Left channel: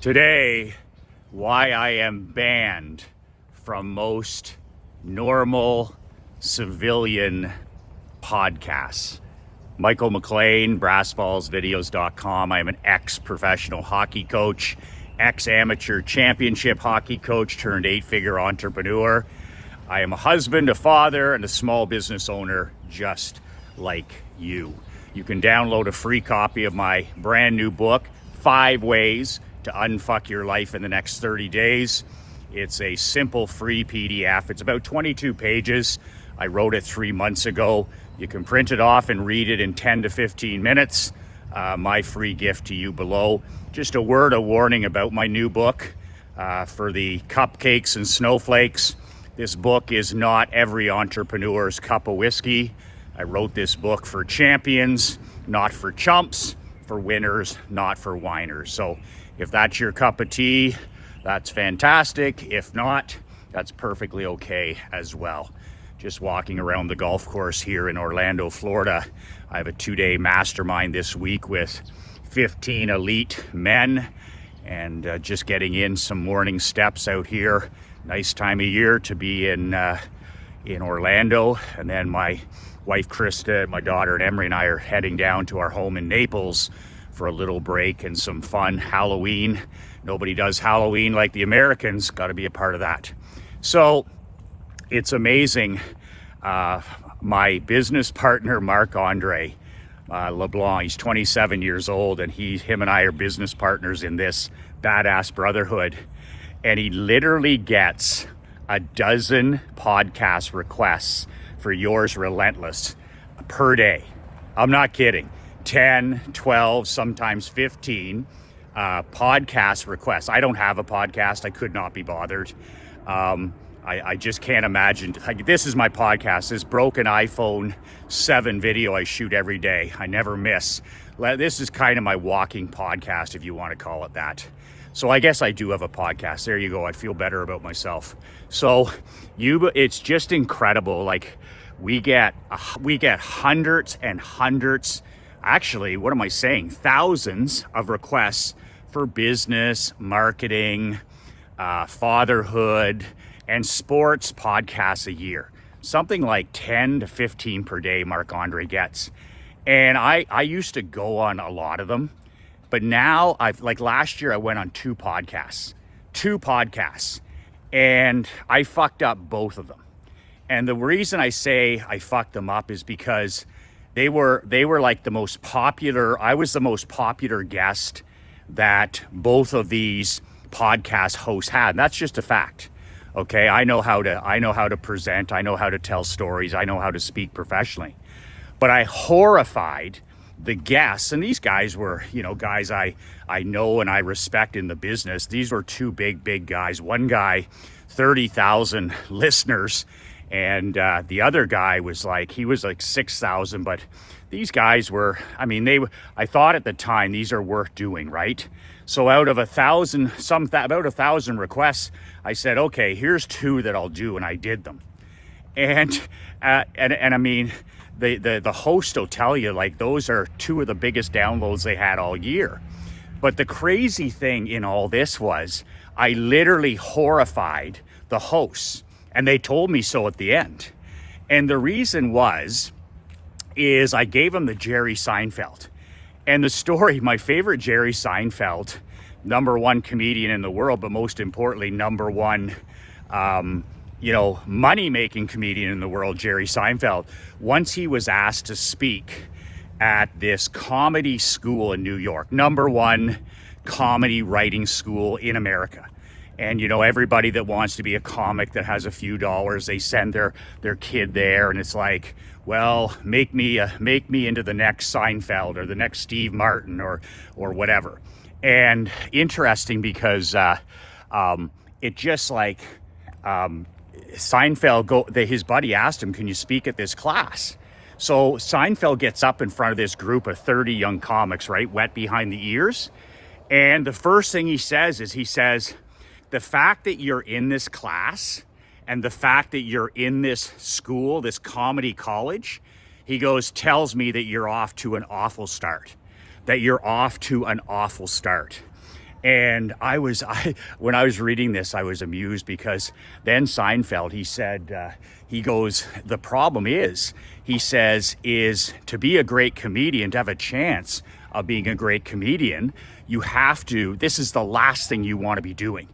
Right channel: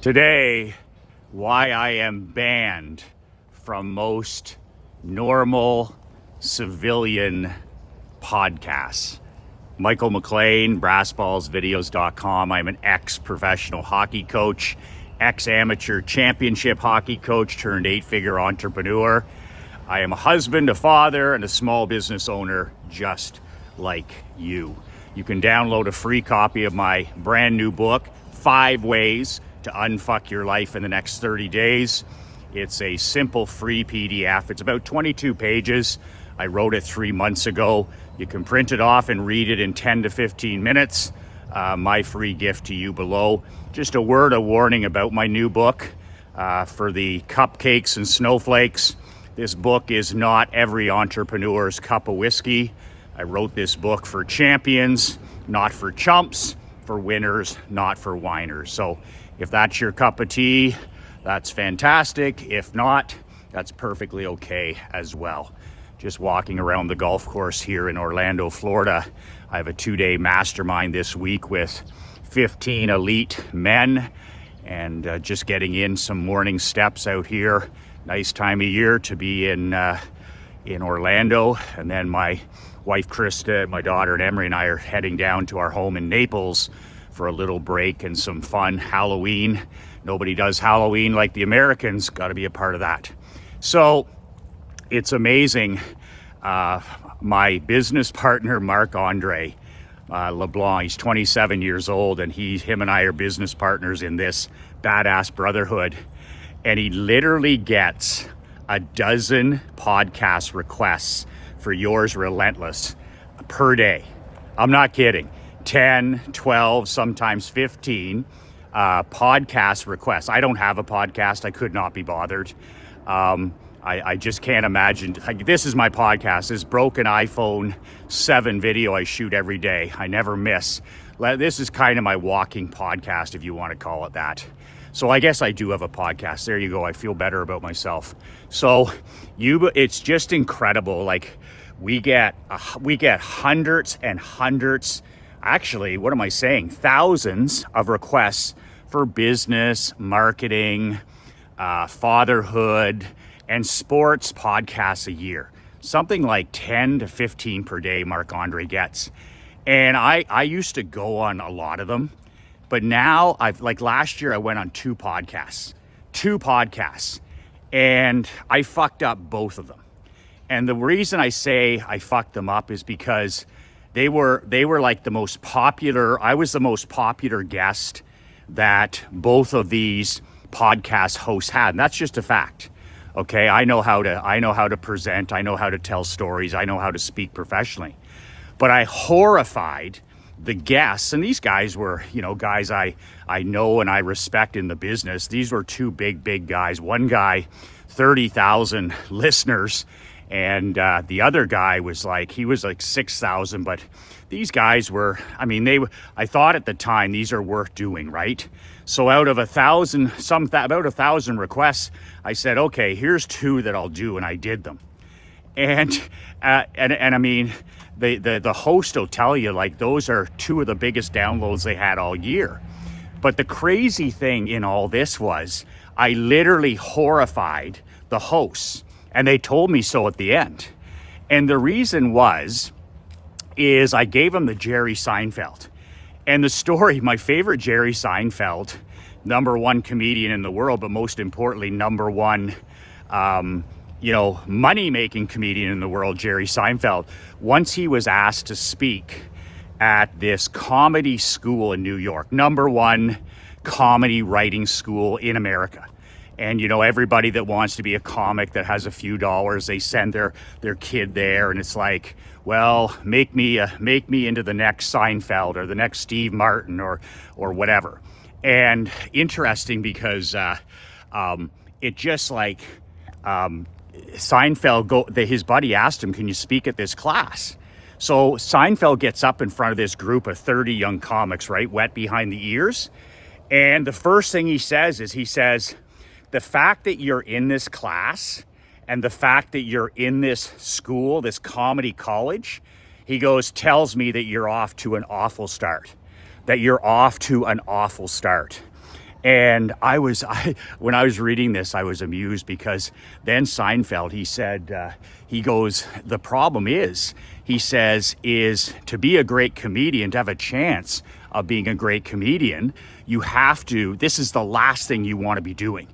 Today, why I am banned from most normal civilian podcasts. Michael McLean, brassballsvideos.com. I'm an ex-professional hockey coach, ex-amateur championship hockey coach turned 8-figure entrepreneur. I am a husband, a father, and a small business owner just like you. You can download a free copy of my brand new book, 5 Ways to Unfuck Your Life in the Next 30 Days. It's a simple free PDF. It's about 22 pages. I wrote it 3 months ago. You can print it off and read it in 10 to 15 minutes. My free gift to you below. Just a word of warning about my new book for the cupcakes and snowflakes. This book is not every entrepreneur's cup of whiskey. I wrote this book for champions, not for chumps, for winners, not for whiners. So if that's your cup of tea, that's fantastic. If not, that's perfectly okay as well. Just walking around the golf course here in Orlando, Florida. I have a 2-day mastermind this week with 15 elite men and just getting in some morning steps out here. Nice time of year to be in Orlando. And then my wife Krista, my daughter and Emery and I are heading down to our home in Naples for a little break and some fun Halloween. Nobody does Halloween like the Americans. Got to be a part of that. So it's amazing. My business partner, Marc-Andre LeBlanc, he's 27 years old, and him and I are business partners in this badass brotherhood. And he literally gets a dozen podcast requests for Yours Relentless per day. I'm not kidding. 10, 12, sometimes 15 podcast requests. I don't have a podcast. I could not be bothered. I just can't imagine. Like, this is my podcast, this broken iPhone 7 video I shoot every day. I never miss. This is kind of my walking podcast, if you want to call it that. So I guess I do have a podcast. There you go. I feel better about myself. So it's just incredible. Like, we get hundreds and hundreds, actually, what am I saying? Thousands of requests for business, marketing, fatherhood, and sports podcasts a year. Something like 10 to 15 per day Marc-Andre gets. And I used to go on a lot of them. But now, last year I went on 2 podcasts, and I fucked up both of them. And the reason I say I fucked them up is because they were like the most popular. I was the most popular guest that both of these podcast hosts had. And that's just a fact. Okay, I know how to present. I know how to tell stories. I know how to speak professionally. But I horrified the guests, and these guys were, guys I know and I respect in the business. These were 2 big guys. One guy, 30,000 listeners, and the other guy was like 6,000. But these guys were, I thought at the time, these are worth doing, right? So out of 1,000, about 1,000 requests, I said, okay, here's 2 that I'll do, and I did them. And I mean, the host will tell you, like, those are 2 of the biggest downloads they had all year. But the crazy thing in all this was I literally horrified the hosts, and they told me so at the end. And the reason is I gave them the Jerry Seinfeld. And the story, my favorite Jerry Seinfeld, #1 comedian in the world, but most importantly, #1 money-making comedian in the world, Jerry Seinfeld. Once he was asked to speak at this comedy school in New York, #1 comedy writing school in America. And, everybody that wants to be a comic that has a few dollars, they send their kid there, and it's like, well, make me into the next Seinfeld or the next Steve Martin or whatever. And interesting because it just like Seinfeld, his buddy asked him, can you speak at this class? So Seinfeld gets up in front of this group of 30 young comics, right, wet behind the ears. And the first thing he says, the fact that you're in this class and the fact that you're in this school, this comedy college, he goes, tells me that you're off to an awful start. And when I was reading this, I was amused because then Seinfeld, he said, he goes, the problem is, he says, is to be a great comedian, to have a chance of being a great comedian, you have to, this is the last thing you want to be doing.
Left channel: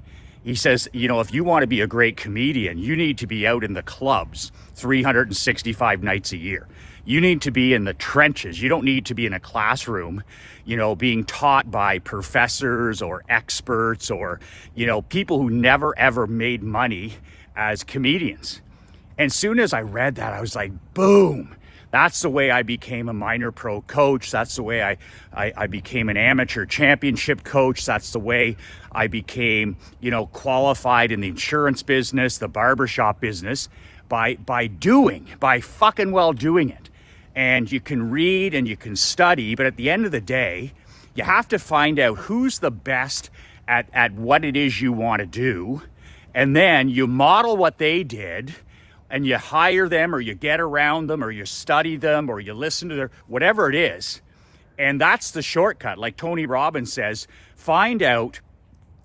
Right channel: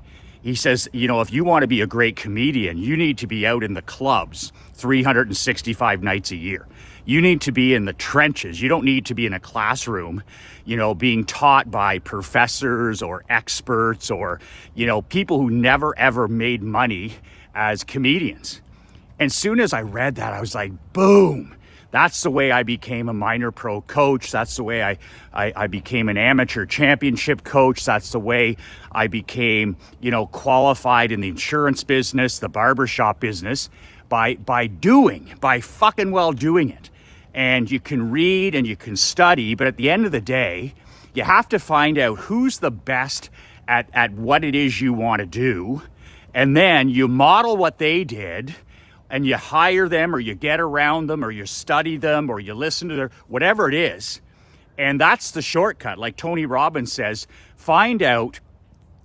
He says, you know, if you want to be a great comedian, you need to be out in the clubs 365 nights a year. You need to be in the trenches. You don't need to be in a classroom, you know, being taught by professors or experts or, you know, people who never ever made money as comedians. And as soon as I read that, I was like, boom. That's the way I became a minor pro coach. That's the way I became an amateur championship coach. That's the way I became, you know, qualified in the insurance business, the barbershop business, by fucking well doing it. And you can read and you can study, but at the end of the day, you have to find out who's the best at what it is you want to do. And then you model what they did, and you hire them, or you get around them, or you study them, or you listen to their, whatever it is. And that's the shortcut. Like Tony Robbins says, find out,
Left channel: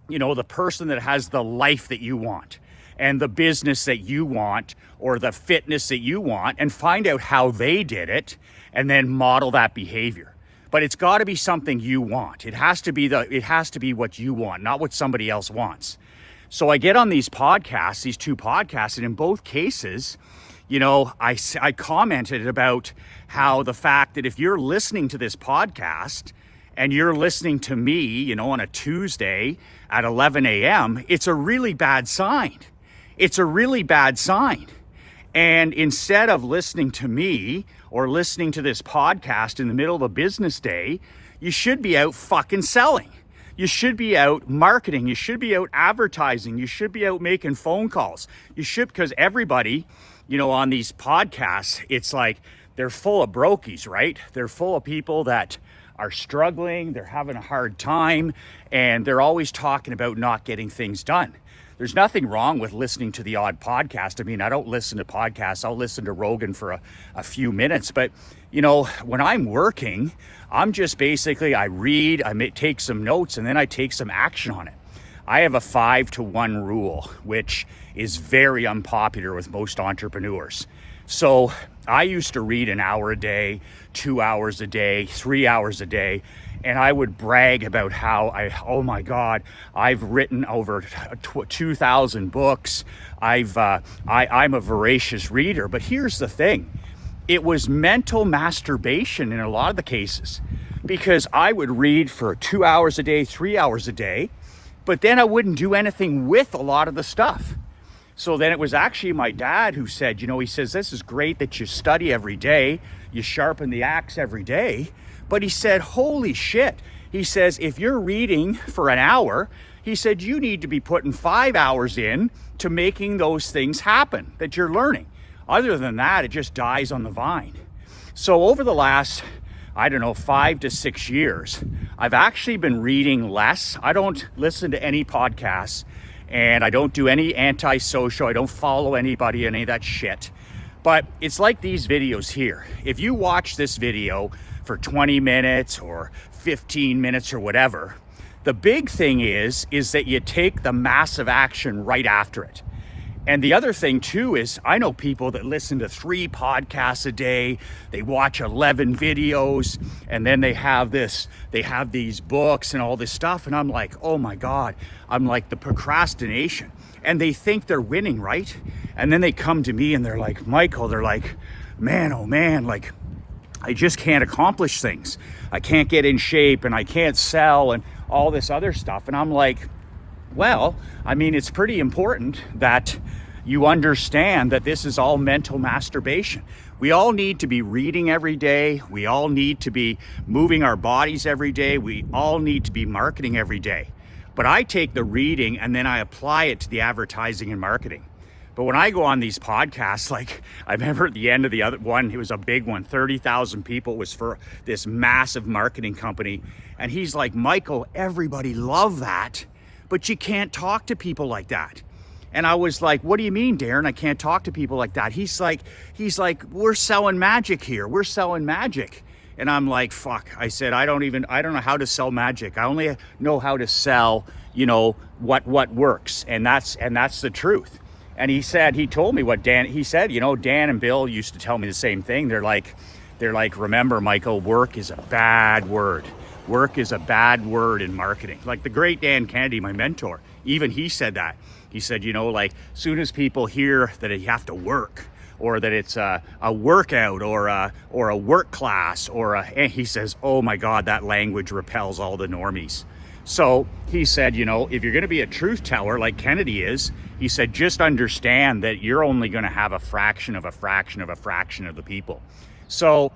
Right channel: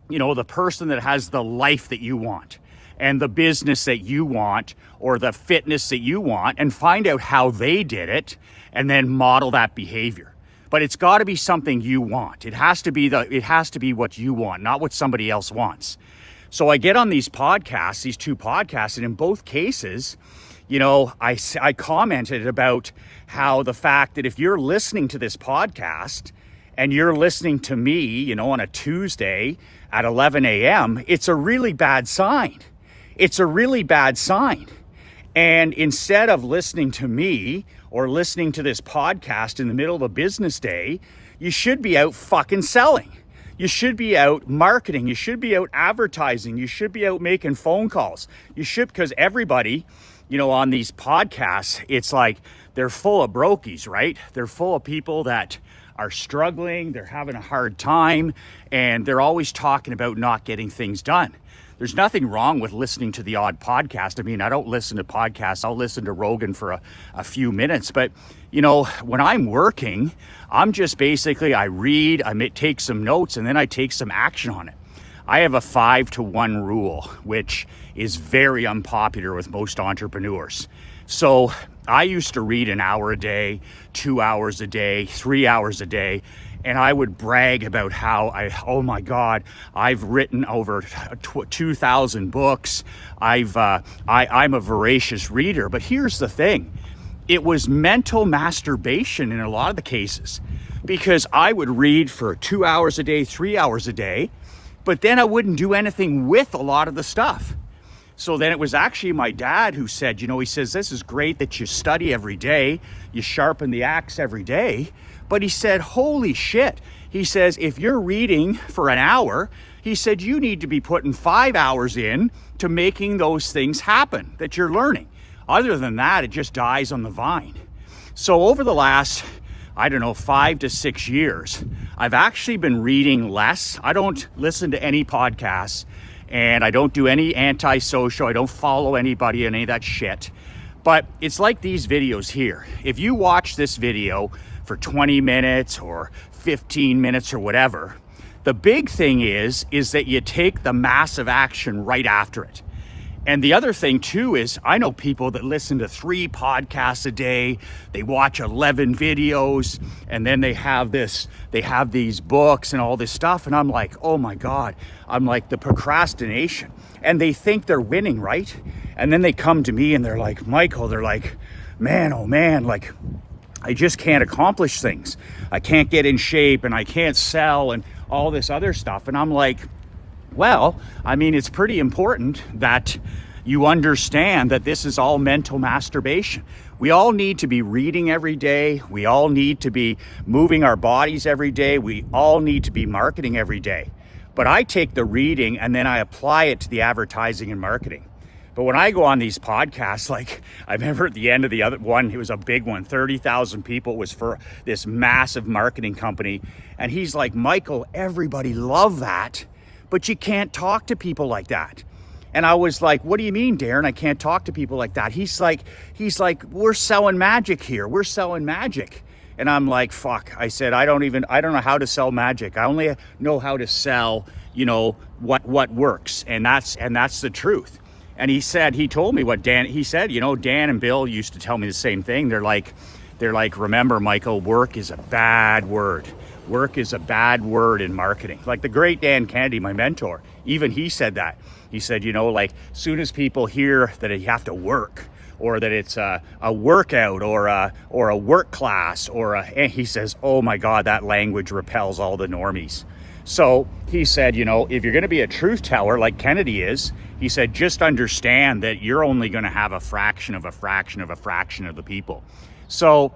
you know, the person that has the life that you want and the business that you want or the fitness that you want, and find out how they did it and then model that behavior. But it's got to be something you want. It has to be what you want, not what somebody else wants. So I get on these podcasts, these two podcasts, and in both cases, you know, I commented about how the fact that if you're listening to this podcast and you're listening to me, you know, on a Tuesday at 11 a.m., it's a really bad sign. It's a really bad sign. And instead of listening to me or listening to this podcast in the middle of a business day, you should be out fucking selling. You should be out marketing. You should be out advertising. You should be out making phone calls. You should, because everybody, you know, on these podcasts, it's like they're full of brokies, right? They're full of people that are struggling. They're having a hard time, and they're always talking about not getting things done. There's nothing wrong with listening to the odd podcast. I mean, I don't listen to podcasts. I'll listen to Rogan for a few minutes, but you know, when I'm working, I'm just basically, I read, take some notes, and then I take some action on it. I have a 5-to-1 rule, which is very unpopular with most entrepreneurs. So I used to read an hour a day, 2 hours a day, 3 hours a day, and I would brag about how oh my God, I've written over 2,000 books. I'm a voracious reader. But here's the thing. It was mental masturbation in a lot of the cases, because I would read for 2 hours a day, 3 hours a day, but then I wouldn't do anything with a lot of the stuff. So then it was actually my dad who said, you know, he says, this is great that you study every day, you sharpen the axe every day. But he said, holy shit. He says, if you're reading for an hour, he said, you need to be putting 5 hours in to making those things happen that you're learning. Other than that, it just dies on the vine. So over the last, 5 to 6 years, I've actually been reading less. I don't listen to any podcasts, and I don't do any anti-social. I don't follow anybody, any of that shit. But it's like these videos here. If you watch this video for 20 minutes or 15 minutes or whatever, the big thing is that you take the massive action right after it. And the other thing too is, I know people that listen to 3 podcasts a day, they watch 11 videos, and then they have these books and all this stuff. And I'm like, oh my God, I'm like, the procrastination. And they think they're winning, right? And then they come to me and they're like, Michael, they're like, man, oh man, like, I just can't accomplish things. I can't get in shape, and I can't sell, and all this other stuff. And I'm like, well, I mean, it's pretty important that you understand that this is all mental masturbation. We all need to be reading every day. We all need to be moving our bodies every day. We all need to be marketing every day. But I take the reading and then I apply it to the advertising and marketing. But when I go on these podcasts, like I remember at the end of the other one, it was a big one, 30,000 people, was for this massive marketing company. And he's like, Michael, everybody loved that, but you can't talk to people like that. And I was like, what do you mean, Darren? I can't talk to people like that. He's like, we're selling magic here. We're selling magic. And I'm like, fuck. I said, I don't know how to sell magic. I only know how to sell, what works. And that's the truth. And he told me what he said, Dan and Bill used to tell me the same thing. They're like, remember, Michael, work is a bad word. Work is a bad word in marketing. Like the great Dan Kennedy, my mentor, even he said that. He said, like soon as people hear that you have to work, or that it's a workout or a work class and he says, oh my God, that language repels all the normies. So he said, if you're going to be a truth teller like Kennedy is, he said, just understand that you're only going to have a fraction of a fraction of a fraction of the people. So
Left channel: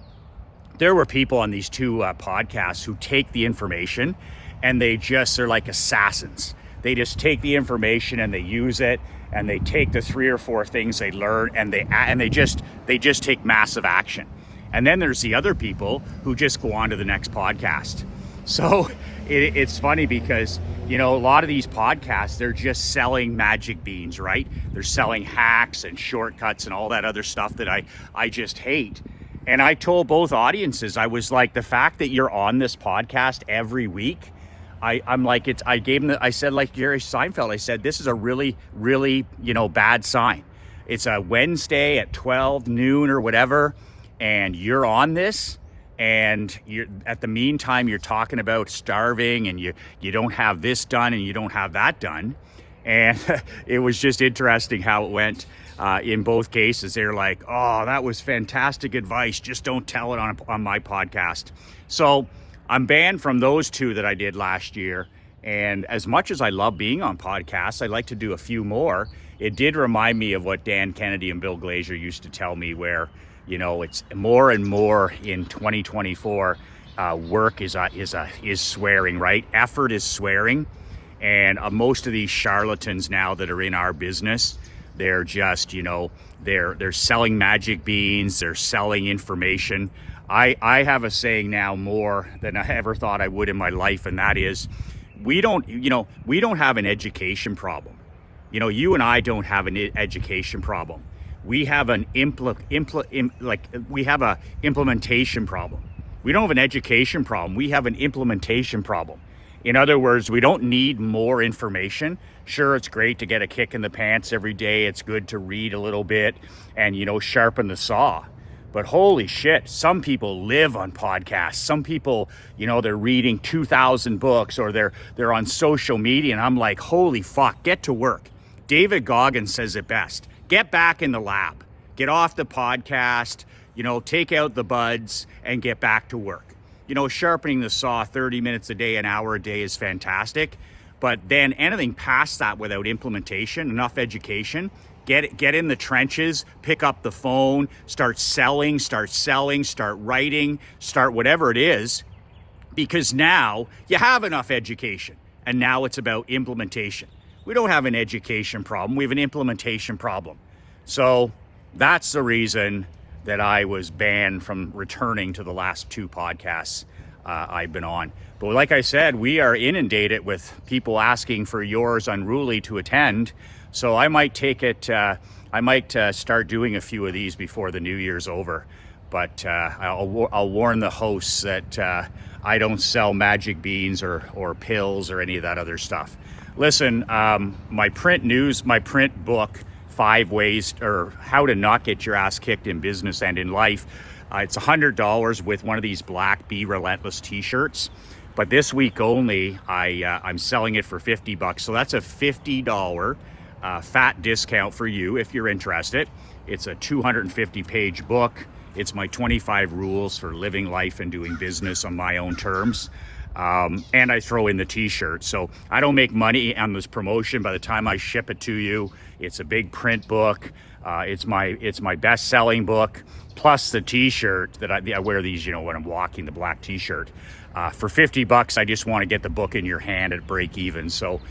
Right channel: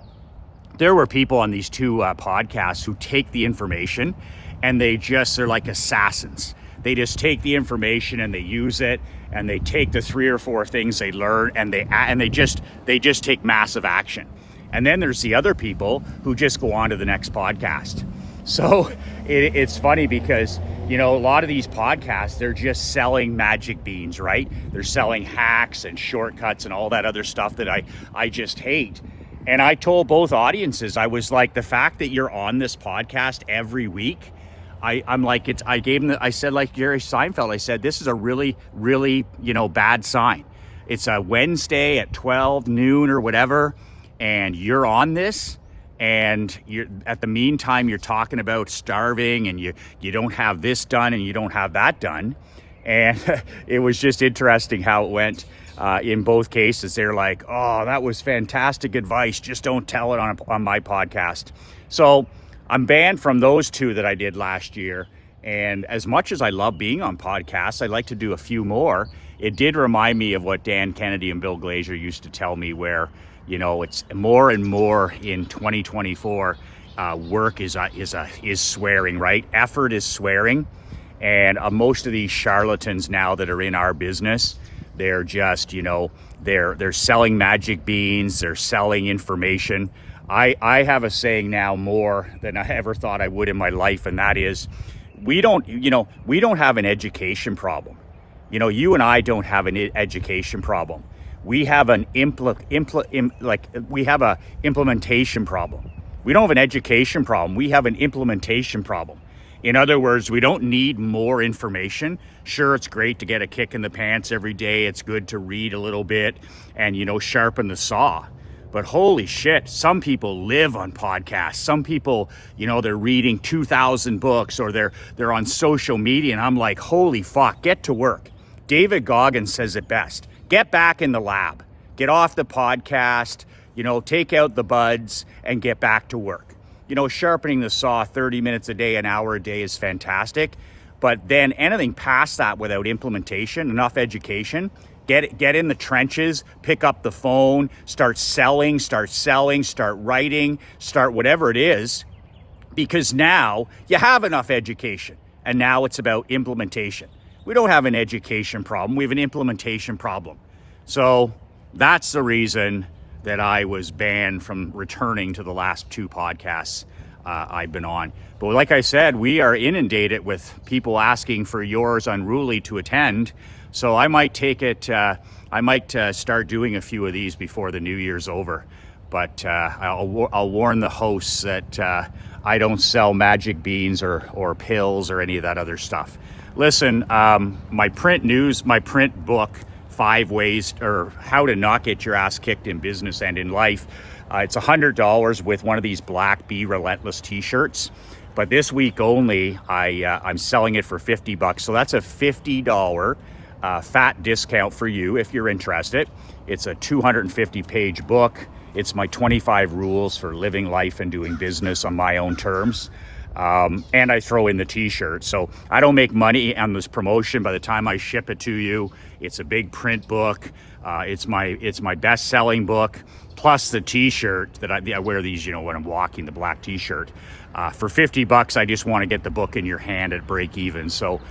there were people on these two podcasts who take the information and they're like assassins. They just take the information and they use it, and they take the 3 or 4 things they learn and they just take massive action. And then there's the other people who just go on to the next podcast. So it's funny because, a lot of these podcasts, they're just selling magic beans, right? They're selling hacks and shortcuts and all that other stuff that I just hate. And I told both audiences, I was like, the fact that you're on this podcast every week, I'm like, I said, like Jerry Seinfeld, I said, this is a really, really, bad sign. It's a Wednesday at 12 noon or whatever, and you're on this, and at the meantime, you're talking about starving, and you don't have this done, and you don't have that done. And it was just interesting how it went. In both cases, they're like, oh, that was fantastic advice. Just don't tell it on my podcast. So I'm banned from those 2 that I did last year. And as much as I love being on podcasts, I'd like to do a few more. It did remind me of what Dan Kennedy and Bill Glazer used to tell me, where, it's more and more in 2024, work is swearing, right? Effort is swearing. And most of these charlatans now that are in our business, they're just, they're selling magic beans, they're selling information. I have a saying now more than I ever thought I would in my life, and that is, we don't have an education problem. You and I don't have an education problem. We have an implementation problem. We don't have an education problem. We have an implementation problem. In other words, we don't need more information. Sure, it's great to get a kick in the pants every day. It's good to read a little bit and, sharpen the saw. But holy shit, some people live on podcasts. Some people, they're reading 2,000 books, or they're on social media. And I'm like, holy fuck, get to work. David Goggins says it best. Get back in the lab. Get off the podcast, take out the buds and get back to work. Sharpening the saw 30 minutes a day, an hour a day is fantastic. But then anything past that without implementation, enough education, get in the trenches, pick up the phone, start selling, start writing, start whatever it is, because now you have enough education and now it's about implementation. We don't have an education problem, we have an implementation problem. So that's the reason that I was banned from returning to the last 2 podcasts I've been on. But like I said, we are inundated with people asking for Yours Unruly to attend. So I might take it, start doing a few of these before the New Year's over. But I'll warn the hosts that I don't sell magic beans or pills or any of that other stuff. Listen, my print book, 5 ways or how to not get your ass kicked in business and in life. It's $100 with one of these black Be Relentless t-shirts. But this week only, I'm selling it for $50. So that's a $50 fat discount for you if you're interested. It's a 250-page book. It's my 25 rules for living life and doing business on my own terms. And I throw in the t-shirt. So I don't make money on this promotion. By the time I ship it to you, it's a big print book. It's my best-selling book, plus the t-shirt that I wear these, when I'm walking, the black t-shirt. For $50, I just want to get the book in your hand at break even. So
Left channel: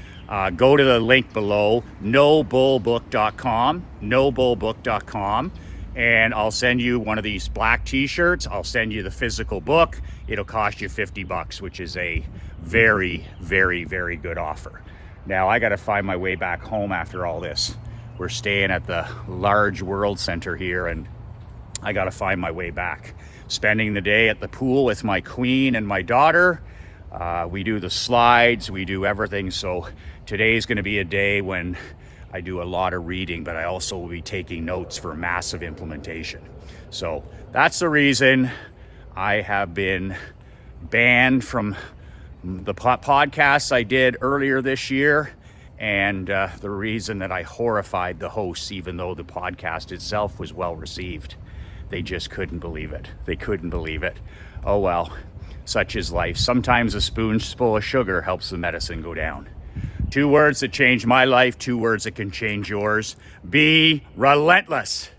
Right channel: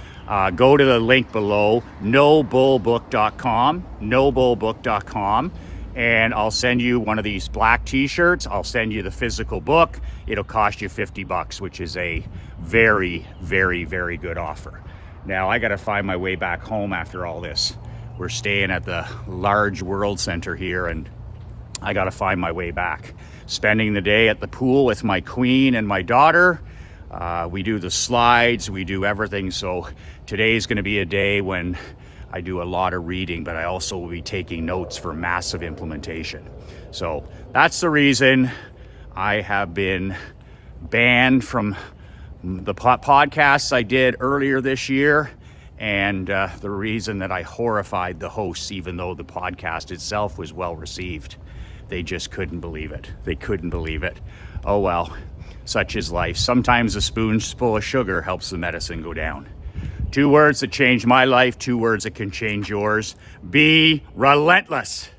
go to the link below, nobullbook.com, and I'll send you one of these black t-shirts. I'll send you the physical book. It'll cost you $50, which is a very, very, very good offer. Now I got to find my way back home after all this. We're staying at the large World Center here, and I gotta find my way back. Spending the day at the pool with my queen and my daughter. We do the slides, we do everything. So today's gonna be a day when I do a lot of reading, but I also will be taking notes for massive implementation. So that's the reason I have been banned from the podcasts I did earlier this year, and the reason that I horrified the hosts, even though the podcast itself was well received. They just couldn't believe it. They couldn't believe it. Oh well, such is life. Sometimes a spoonful of sugar helps the medicine go down. 2 words that changed my life, 2 words that can change yours. Be relentless.